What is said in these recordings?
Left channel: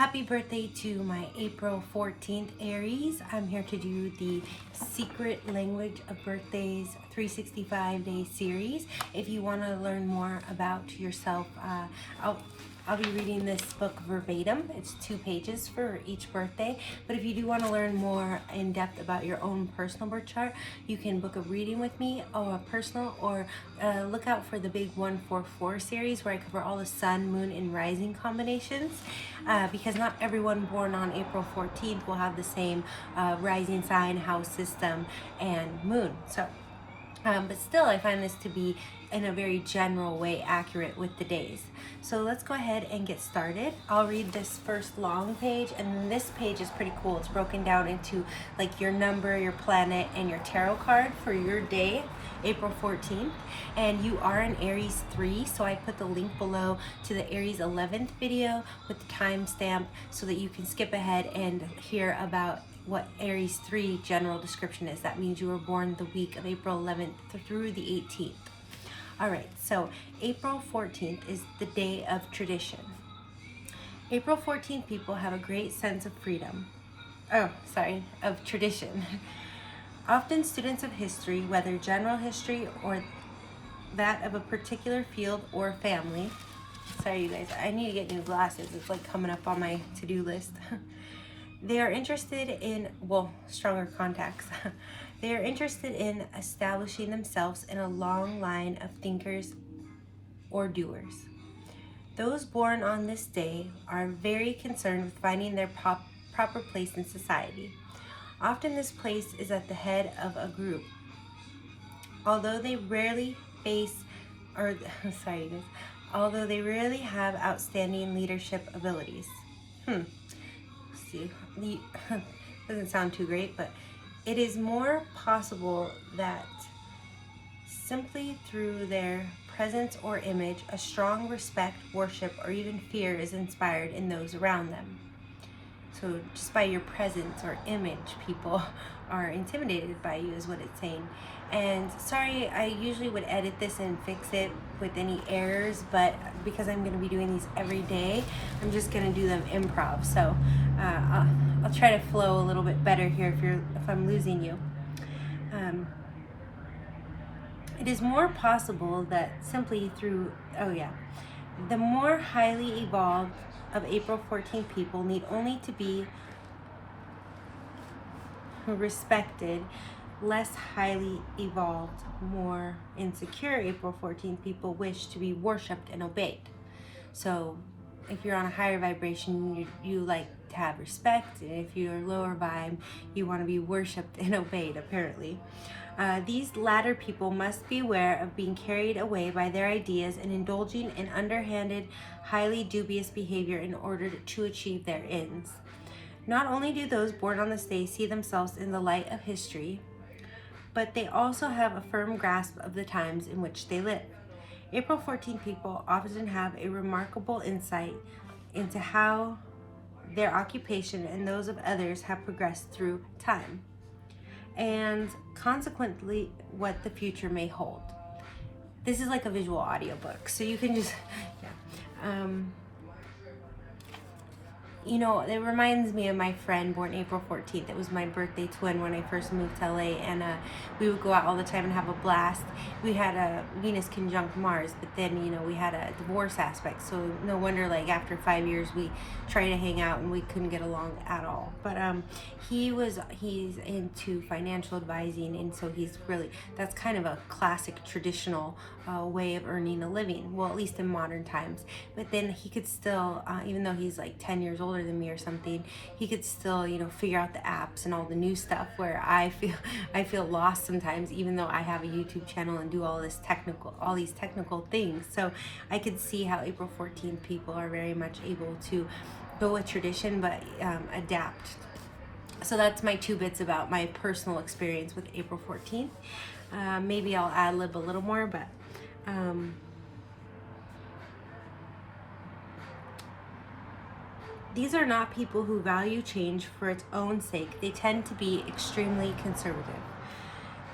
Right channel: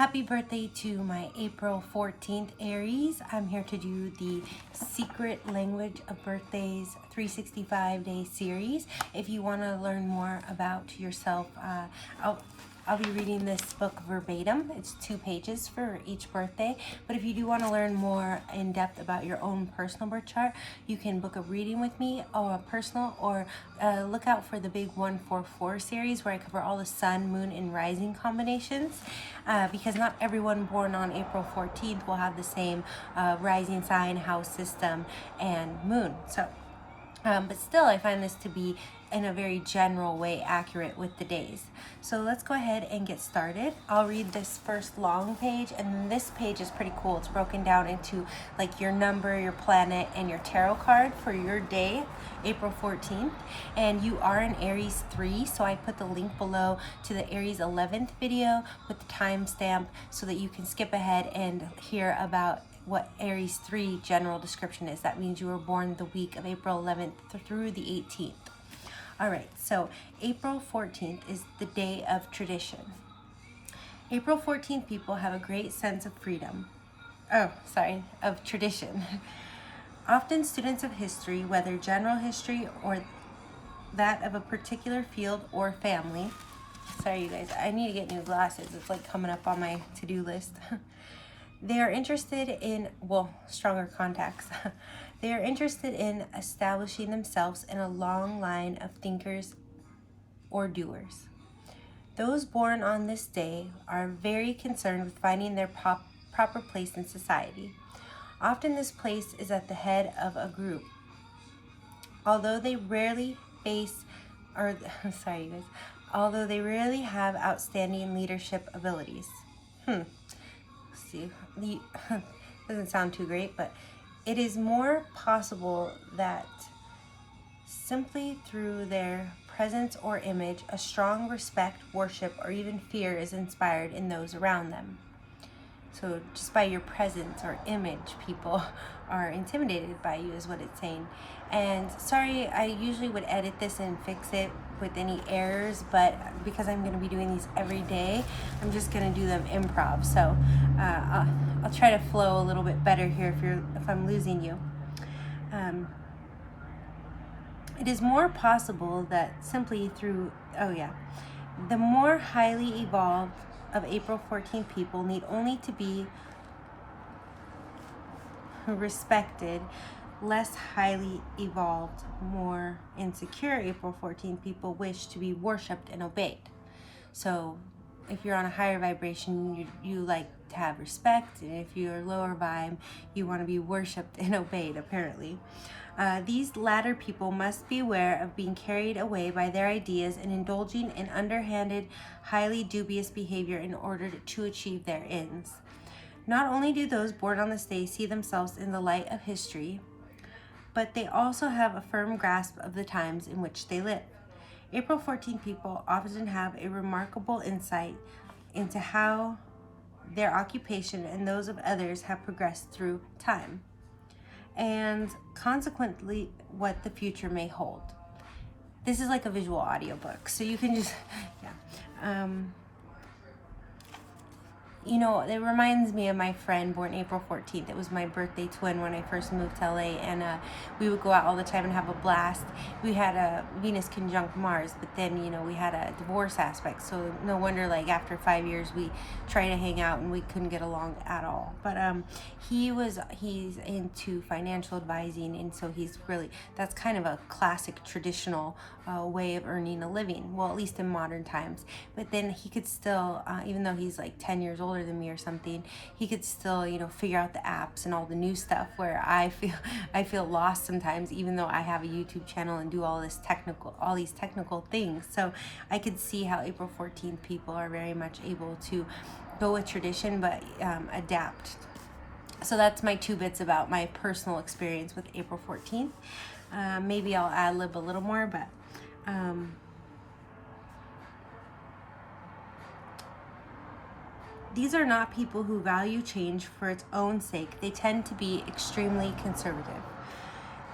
Happy birthday to my April 14th Aries. I'm here to do the Secret Language of Birthdays 365-day series. If you want to learn more about yourself, I'll be reading this book verbatim. It's 2 pages for each birthday. But if you do want to learn more in depth about your own personal birth chart, you can book a reading with me, or a personal, or look out for the big 144 series where I cover all the sun, moon, and rising combinations. Because not everyone born on April 14th will have the same rising sign, house system, and moon. So, but still, I find this to be in a very general way accurate with the days. So let's go ahead and get started. I'll read this first long page, and this page is pretty cool. It's broken down into like your number, your planet, and your tarot card for your day, April 14th. And you are an Aries 3, so I put the link below to the Aries 11th video with the timestamp so that you can skip ahead and hear about what Aries 3 general description is. That means you were born the week of April 11th through the 18th. All right, so April 14th is the day of tradition. April 14th people have a great sense of freedom. Of tradition. Often students of history, whether general history or that of a particular field or family. Sorry, you guys, I need to get new glasses. It's like coming up on my to-do list. They are interested in, stronger contacts. They are interested in establishing themselves in a long line of thinkers or doers. Those born on this day are very concerned with finding their proper place in society. Often this place is at the head of a group. Although they rarely have outstanding leadership abilities. Doesn't sound too great, but it is more possible that simply through their presence or image, a strong respect, worship, or even fear is inspired in those around them. So just by your presence or image, people are intimidated by you is what it's saying. And sorry, I usually would edit this and fix it with any errors, but because I'm going to be doing these every day, I'm just going to do them improv. So I'll try to flow a little bit better here if I'm losing you. It is more possible that simply through, the more highly evolved of April 14 people need only to be respected. Less highly evolved, more insecure April 14 people wish to be worshipped and obeyed. So if you're on a higher vibration, you like to have respect, and if you're lower vibe, you want to be worshipped and obeyed, apparently. These latter people must be aware of being carried away by their ideas and indulging in underhanded, highly dubious behavior in order to achieve their ends. Not only do those born on this day see themselves in the light of history, but they also have a firm grasp of the times in which they live. April 14 people often have a remarkable insight into how their occupation and those of others have progressed through time, and consequently what the future may hold. This is like a visual audiobook, so you can just, it reminds me of my friend born April 14th. It was my birthday twin when I first moved to LA, and we would go out all the time and have a blast. We had a Venus conjunct Mars, but then, we had a divorce aspect, so no wonder, like, after 5 years, we tried to hang out and we couldn't get along at all. But he's into financial advising, and so that's kind of a classic traditional way of earning a living, well, at least in modern times. But then he could still, even though he's like 10 years older than me or something, he could still, figure out the apps and all the new stuff, where I feel lost sometimes, even though I have a YouTube channel and do all these technical things. So I could see how April 14th people are very much able to go with tradition, but adapt. So that's my 2 bits about my personal experience with April 14th. Maybe I'll ad-lib a little more, but these are not people who value change for its own sake. They tend to be extremely conservative.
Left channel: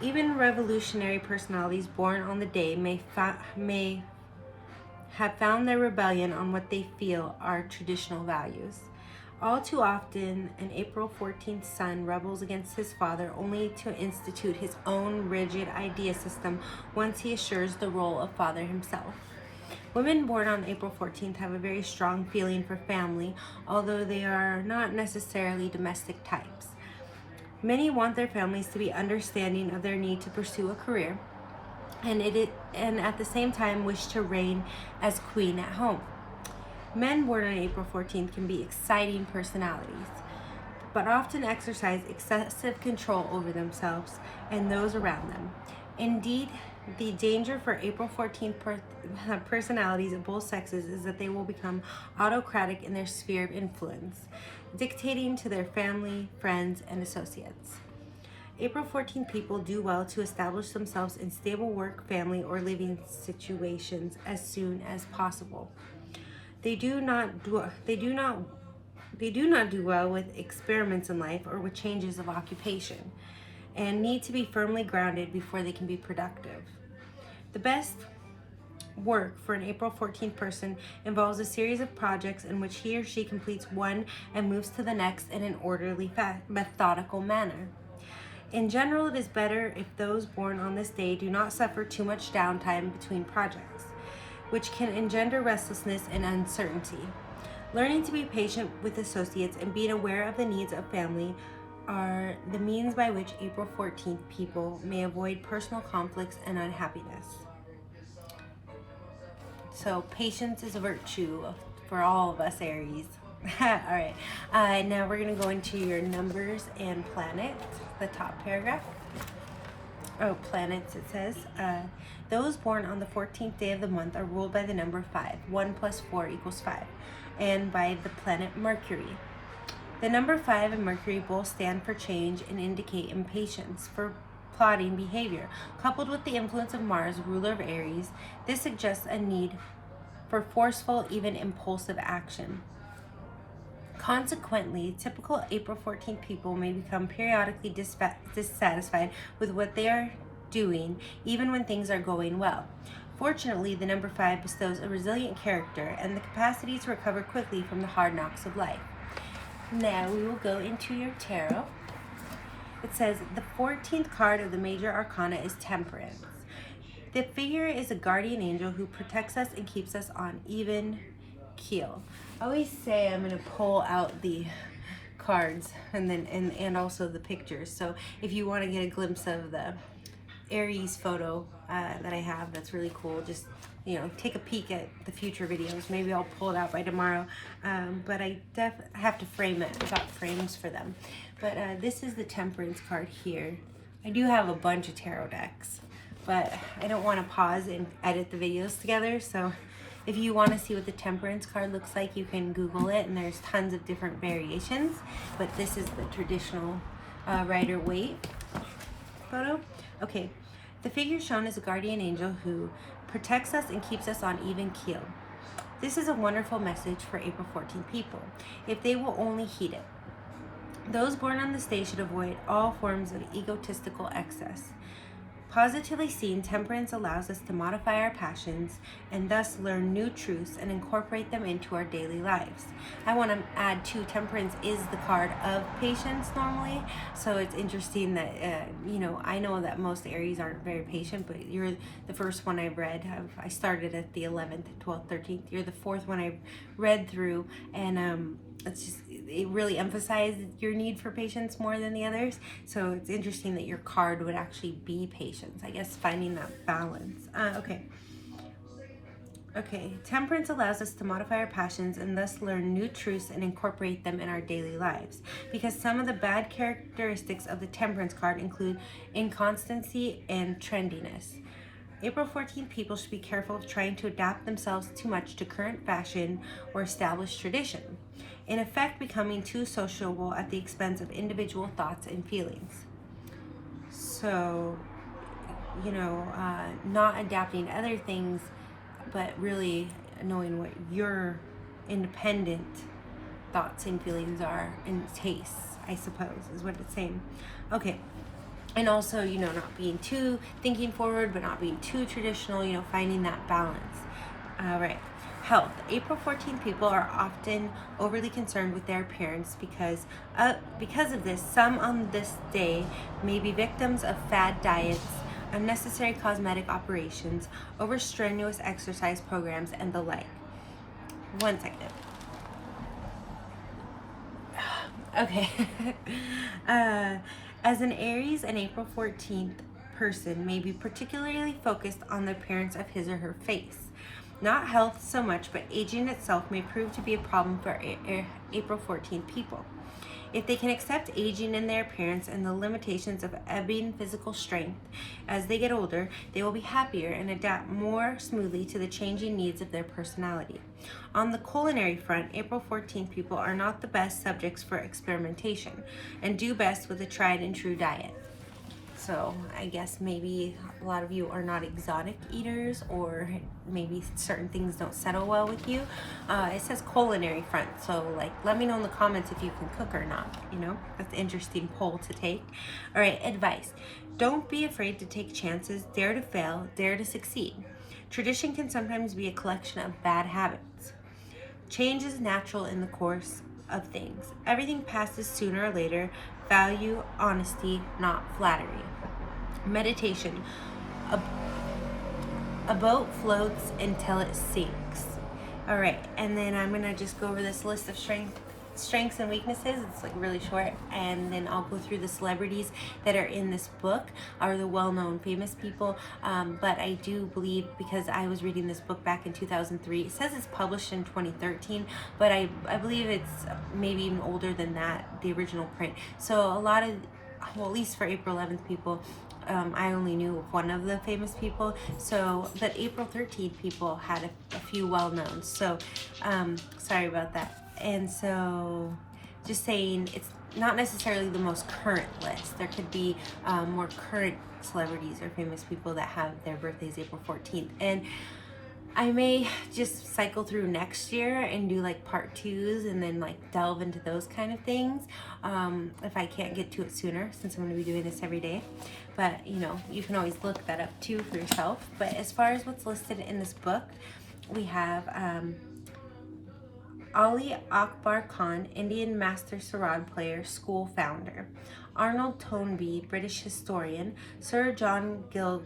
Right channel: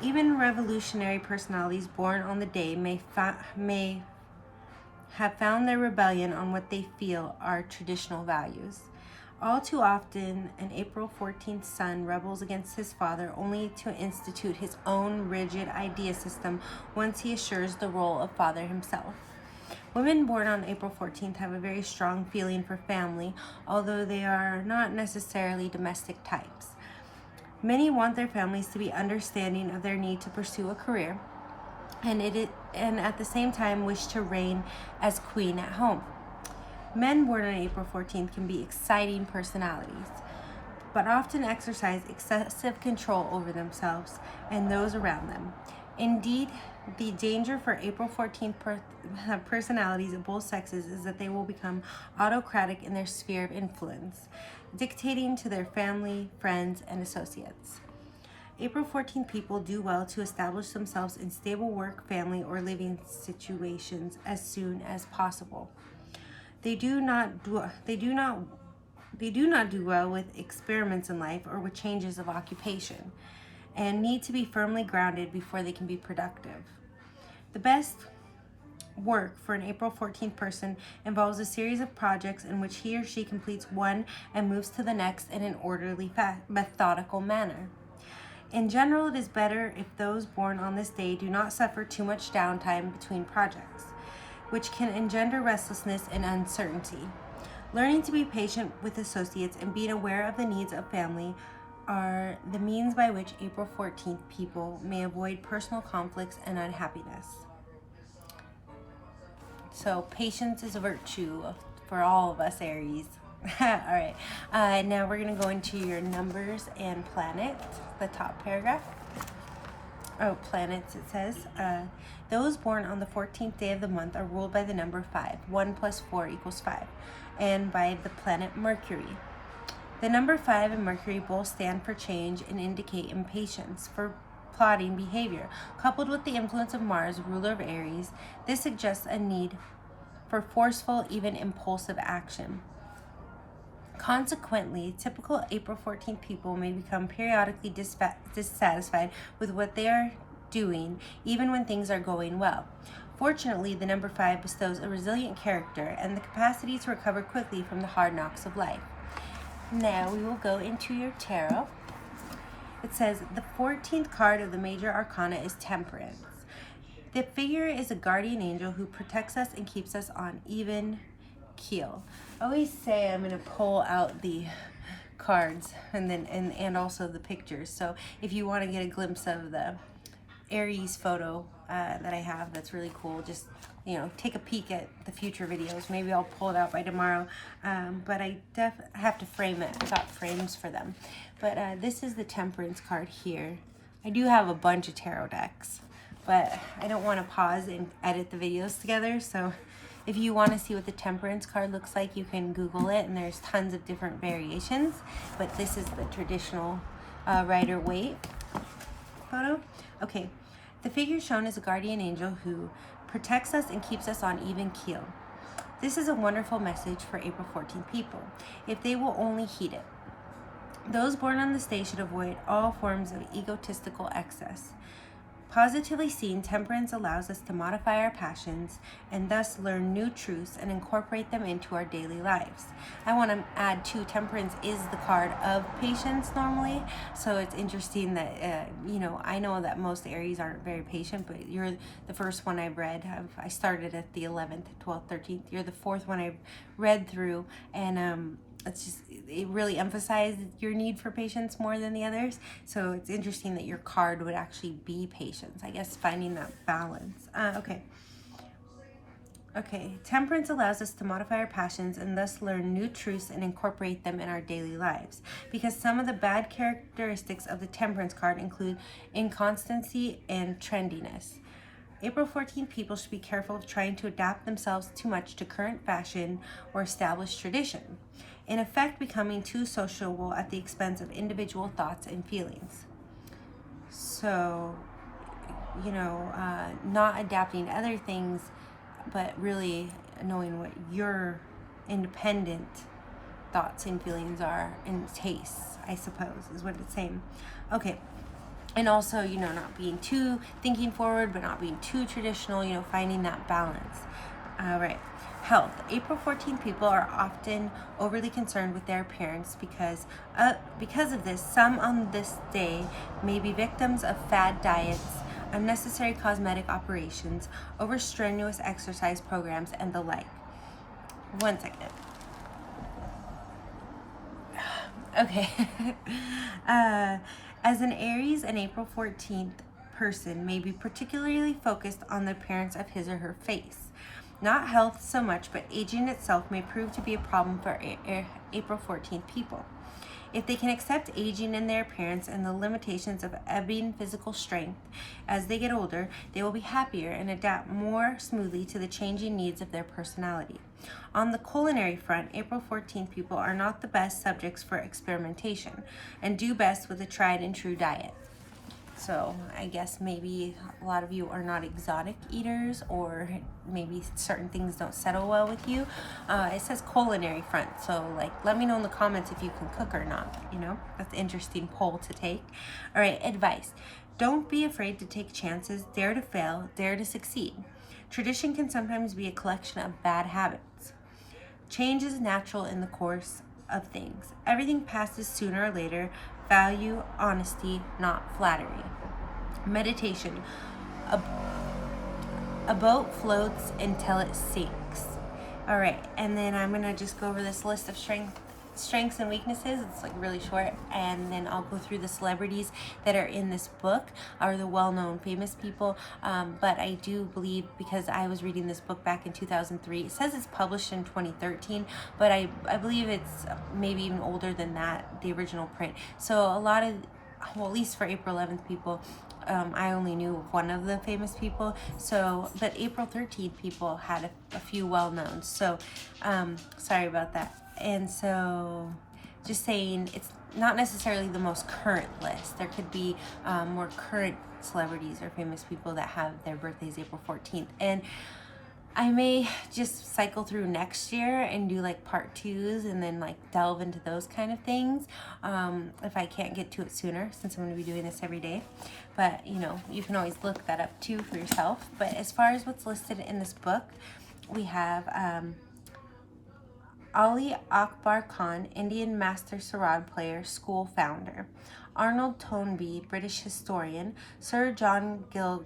Even revolutionary personalities born on the day may have found their rebellion on what they feel are traditional values. All too often, an April 14th son rebels against his father only to institute his own rigid idea system once he assures the role of father himself. Women born on April 14th have a very strong feeling for family, although they are not necessarily domestic types. Many want their families to be understanding of their need to pursue a career, and at the same time wish to reign as queen at home. Men born on April 14th can be exciting personalities, but often exercise excessive control over themselves and those around them. Indeed, the danger for April 14th personalities of both sexes is that they will become autocratic in their sphere of influence, dictating to their family, friends, and associates. April 14th people do well to establish themselves in stable work, family, or living situations as soon as possible. They do not do well with experiments in life or with changes of occupation, and need to be firmly grounded before they can be productive. The best work for an April 14th person involves a series of projects in which he or she completes one and moves to the next in an orderly, methodical manner. In general, it is better if those born on this day do not suffer too much downtime between projects, which can engender restlessness and uncertainty. Learning to be patient with associates and being aware of the needs of family are the means by which April 14th people may avoid personal conflicts and unhappiness. So patience is a virtue for all of us Aries. All right, now we're going to go into your numbers and planets, the top paragraph. Oh, planets, it says. Those born on the 14th day of the month are ruled by the number 5. 1 plus 4 equals 5. And by the planet Mercury. The number 5 and Mercury both stand for change and indicate impatience for plotting behavior. Coupled with the influence of Mars, ruler of Aries, this suggests a need for forceful, even impulsive action. Consequently, typical April 14th people may become periodically dissatisfied with what they are doing, even when things are going well. Fortunately, the number 5 bestows a resilient character and the capacity to recover quickly from the hard knocks of life. Now we will go into your tarot. It says the 14th card of the major arcana is Temperance. The figure is a guardian angel who protects us and keeps us on even keel. I always say I'm going to pull out the cards and also the pictures. So if you want to get a glimpse of the Aries photo that I have, that's really cool. Just, take a peek at the future videos. Maybe I'll pull it out by tomorrow. But I have to frame it. I got frames for them. But this is the Temperance card here. I do have a bunch of tarot decks, but I don't want to pause and edit the videos together. So if you want to see what the Temperance card looks like, you can Google it, and there's tons of different variations. But this is the traditional Rider-Waite photo. Okay, the figure shown is a guardian angel who protects us and keeps us on even keel. This is a wonderful message for April 14 people, if they will only heed it. Those born on this day should avoid all forms of egotistical excess. Positively seen, Temperance allows us to modify our passions and thus learn new truths and incorporate them into our daily lives. I want to add too, Temperance is the card of patience normally, so it's interesting that, I know that most Aries aren't very patient, but you're the first one I've read. I started at the 11th, 12th, 13th. You're the fourth one I've read through, and it really emphasized your need for patience more than the others. So it's interesting that your card would actually be patience. I guess finding that balance. Okay. Temperance allows us to modify our passions and thus learn new truths and incorporate them in our daily lives. Because some of the bad characteristics of the Temperance card include inconstancy and trendiness. April 14th people should be careful of trying to adapt themselves too much to current fashion or established tradition, in effect becoming too sociable at the expense of individual thoughts and feelings. So, not adapting to other things, but really knowing what your independent thoughts and feelings are and tastes, I suppose, is what it's saying. Okay. And also, not being too thinking forward, but not being too traditional, finding that balance. All right. Health. April 14th people are often overly concerned with their appearance because of this. Some on this day may be victims of fad diets, unnecessary cosmetic operations, over-strenuous exercise programs, and the like. One second. Okay. As an Aries, an April 14th person may be particularly focused on the appearance of his or her face. Not health so much, but aging itself may prove to be a problem for April 14th people. If they can accept aging in their appearance and the limitations of ebbing physical strength as they get older, they will be happier and adapt more smoothly to the changing needs of their personality. On the culinary front, April 14th people are not the best subjects for experimentation and do best with a tried and true diet. So I guess maybe a lot of you are not exotic eaters, or maybe certain things don't settle well with you. It says culinary front, so like let me know in the comments if you can cook or not. You know, that's an interesting poll to take. All right, advice. Don't be afraid to take chances, dare to fail, dare to succeed. Tradition can sometimes be a collection of bad habits. Change is natural in the course of things. Everything passes sooner or later. Value honesty, not flattery. Meditation. A boat floats until it sinks. All right, and then I'm gonna just go over this list of strengths and weaknesses. It's like really short, and then I'll go through the celebrities that are in this book, are the well-known famous people. But I do believe, because I was reading this book back in 2003, it says it's published in 2013, but I believe it's maybe even older than that, the original print. So a lot of, well, at least for April 11th people, I only knew of one of the famous people. So, but April 13th people had a few well-known. So, sorry about that. And so, just saying, it's not necessarily the most current list. There could be more current celebrities or famous people that have their birthdays April 14th. And I may just cycle through next year and do like part 2s and then like delve into those kind of things if I can't get to it sooner, since I'm going to be doing this every day. But you know, you can always look that up too for yourself. But as far as what's listed in this book, we have Ali Akbar Khan, Indian master Sarod player, school founder. Arnold Toynbee, British historian. Sir John Gielgud,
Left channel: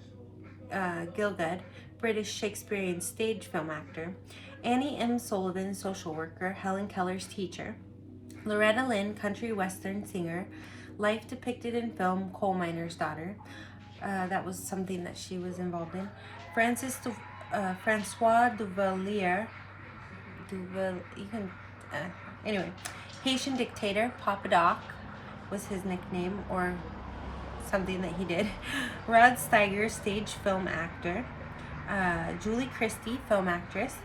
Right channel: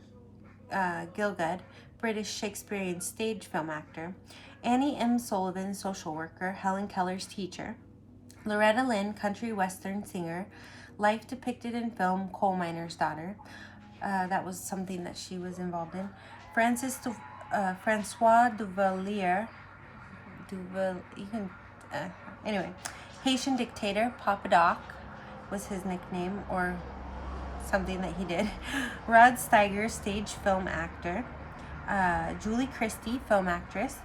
British Shakespearean stage film actor. Annie M. Sullivan, social worker. Helen Keller's teacher. Loretta Lynn, country western singer. Life depicted in film, coal miner's daughter. That was something that she was involved in. Francois Duvalier. Anyway, Haitian dictator. Papa Doc was his nickname, or something that he did. Rod Steiger, stage film actor. Julie Christie, film actress.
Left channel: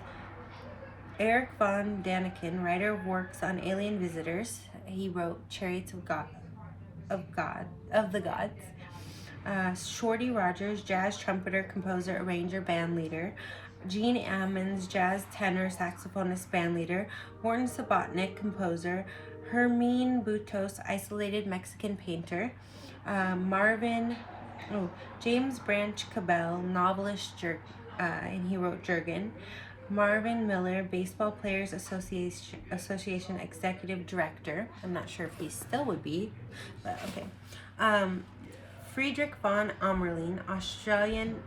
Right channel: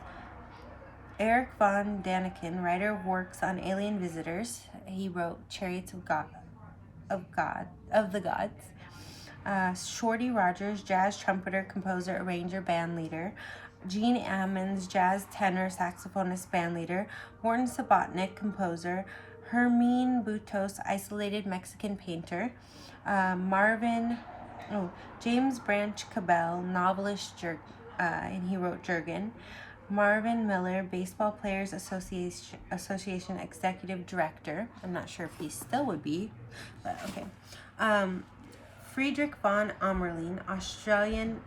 Eric von Daniken, writer of works on alien visitors. He wrote Chariots of the Gods. Shorty Rogers, jazz trumpeter, composer, arranger, band leader. Gene Ammons, jazz tenor, saxophonist, band leader. Morton Subotnick, composer. Hermine Butos, isolated Mexican painter. James Branch Cabell, novelist, and he wrote Jurgen. Marvin Miller, Baseball Players Association Executive Director. I'm not sure if he still would be, but okay. Friedrich von Amerlin, Austrian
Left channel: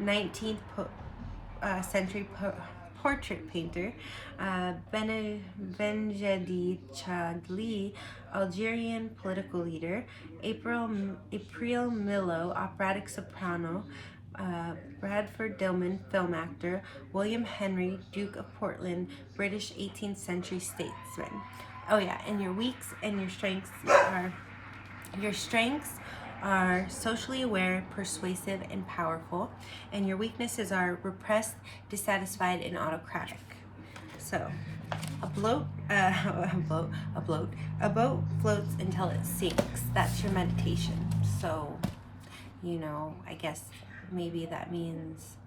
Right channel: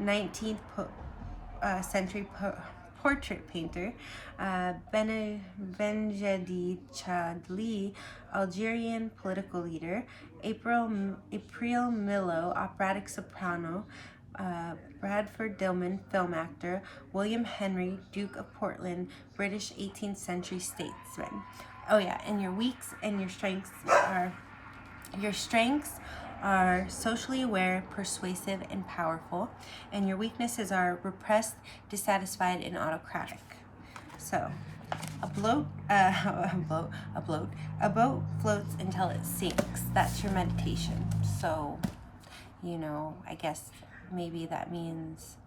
19th century portrait painter. Benjedi Chadli, Algerian political leader. April Milo, operatic soprano. Bradford Dillman, film actor. William Henry, Duke of Portland, British 18th century statesman. Oh yeah, and your weaks and your strengths are socially aware, persuasive, and powerful, and your weaknesses are repressed, dissatisfied, and autocratic. So, a boat floats until it sinks. That's your meditation. So, you know, I guess maybe that means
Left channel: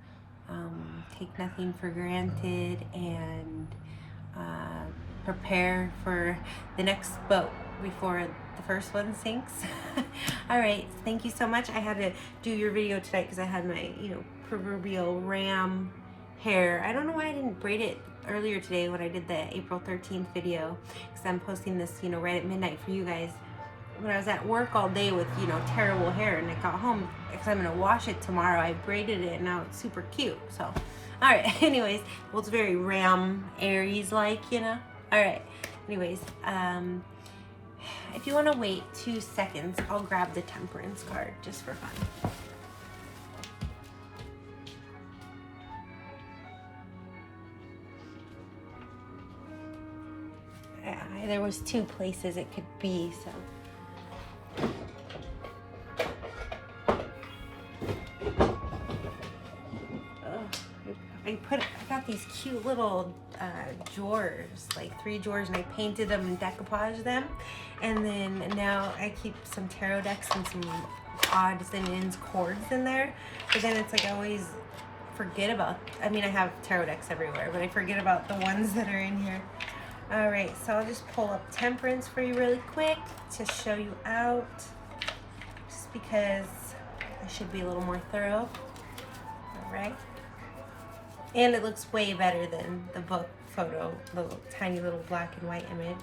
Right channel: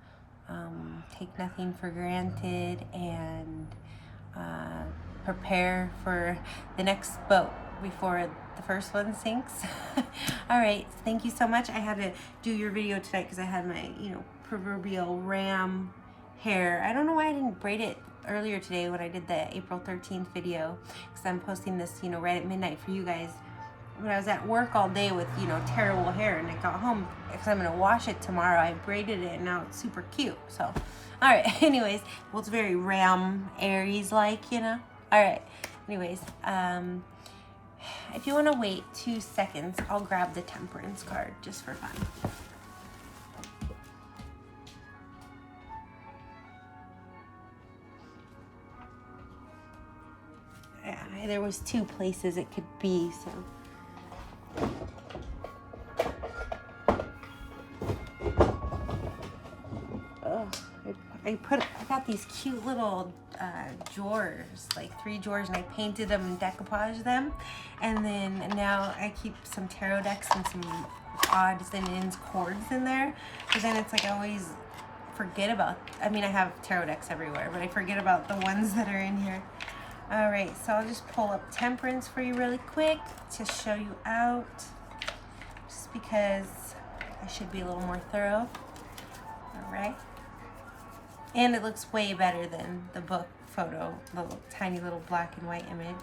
take nothing for granted and prepare for the next boat before the first one sinks. All right, thank you so much. I had to do your video tonight because I had my, proverbial ram hair. I don't know why I didn't braid it earlier today when I did the April 13th video, because I'm posting this, you know, right at midnight for you guys. When I was at work all day with, you know, terrible hair, and I got home because I'm gonna wash it tomorrow, I braided it and now it's super cute. So, all right. Anyways, well, it's very Aries like, you know. All right. Anyways, if you want to wait 2 seconds, I'll grab the Temperance card just for fun. Yeah, there was 2 places it could be, so. I got these cute little drawers, like 3 drawers, and I painted them and decoupaged them. And then now I keep some tarot decks and some odds and ends cords in there. But then it's like I always forget about, I mean, I have tarot decks everywhere, but I forget about the ones that are in here. All right, so I'll just pull up Temperance for you really quick to show you out, just because I should be a little more thorough. All right. And it looks way better than the book photo, the tiny little black and white image.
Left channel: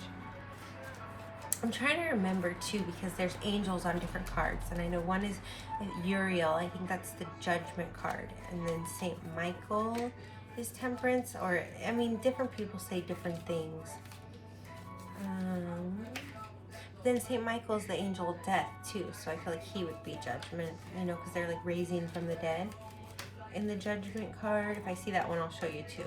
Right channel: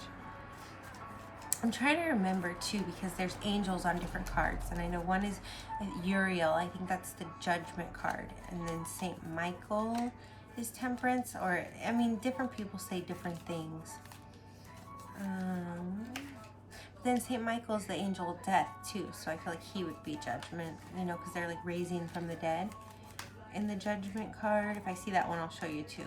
I'm trying to remember too, because there's angels on different cards, and I know one is Uriel. I think that's the Judgment card, and then Saint Michael is Temperance, or I mean, different people say different things. Then Saint Michael's the angel of death too, so I feel like he would be Judgment, you know, because they're like raising from the dead. In the Judgment card, if I see that one, I'll show you too.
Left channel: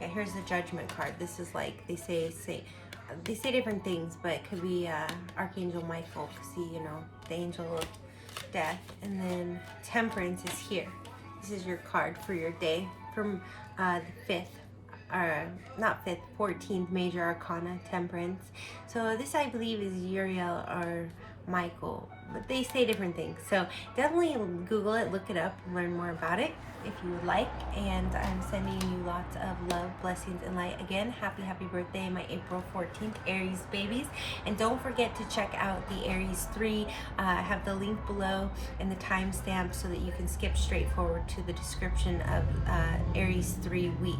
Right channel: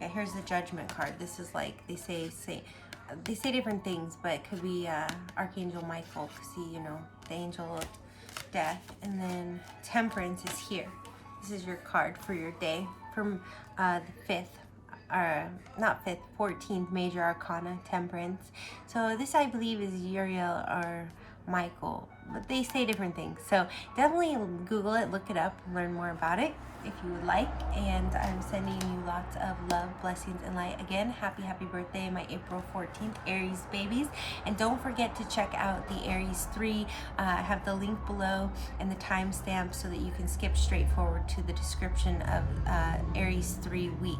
Yeah, here's the Judgment card. This is like, they say different things, but it could be Archangel Michael, see, you know, the angel of death. And then Temperance is here. This is your card for your day from the 14th major arcana, Temperance. So this, I believe, is Uriel or Michael, but they say different things. So definitely Google it, look it up, learn more about it if you would like. And I'm sending you lots of love, blessings, and light. Again, happy birthday, my April 14th Aries babies. And don't forget to check out the Aries 3. I have the link below and the timestamp so that you can skip straight forward to the description of Aries 3 week.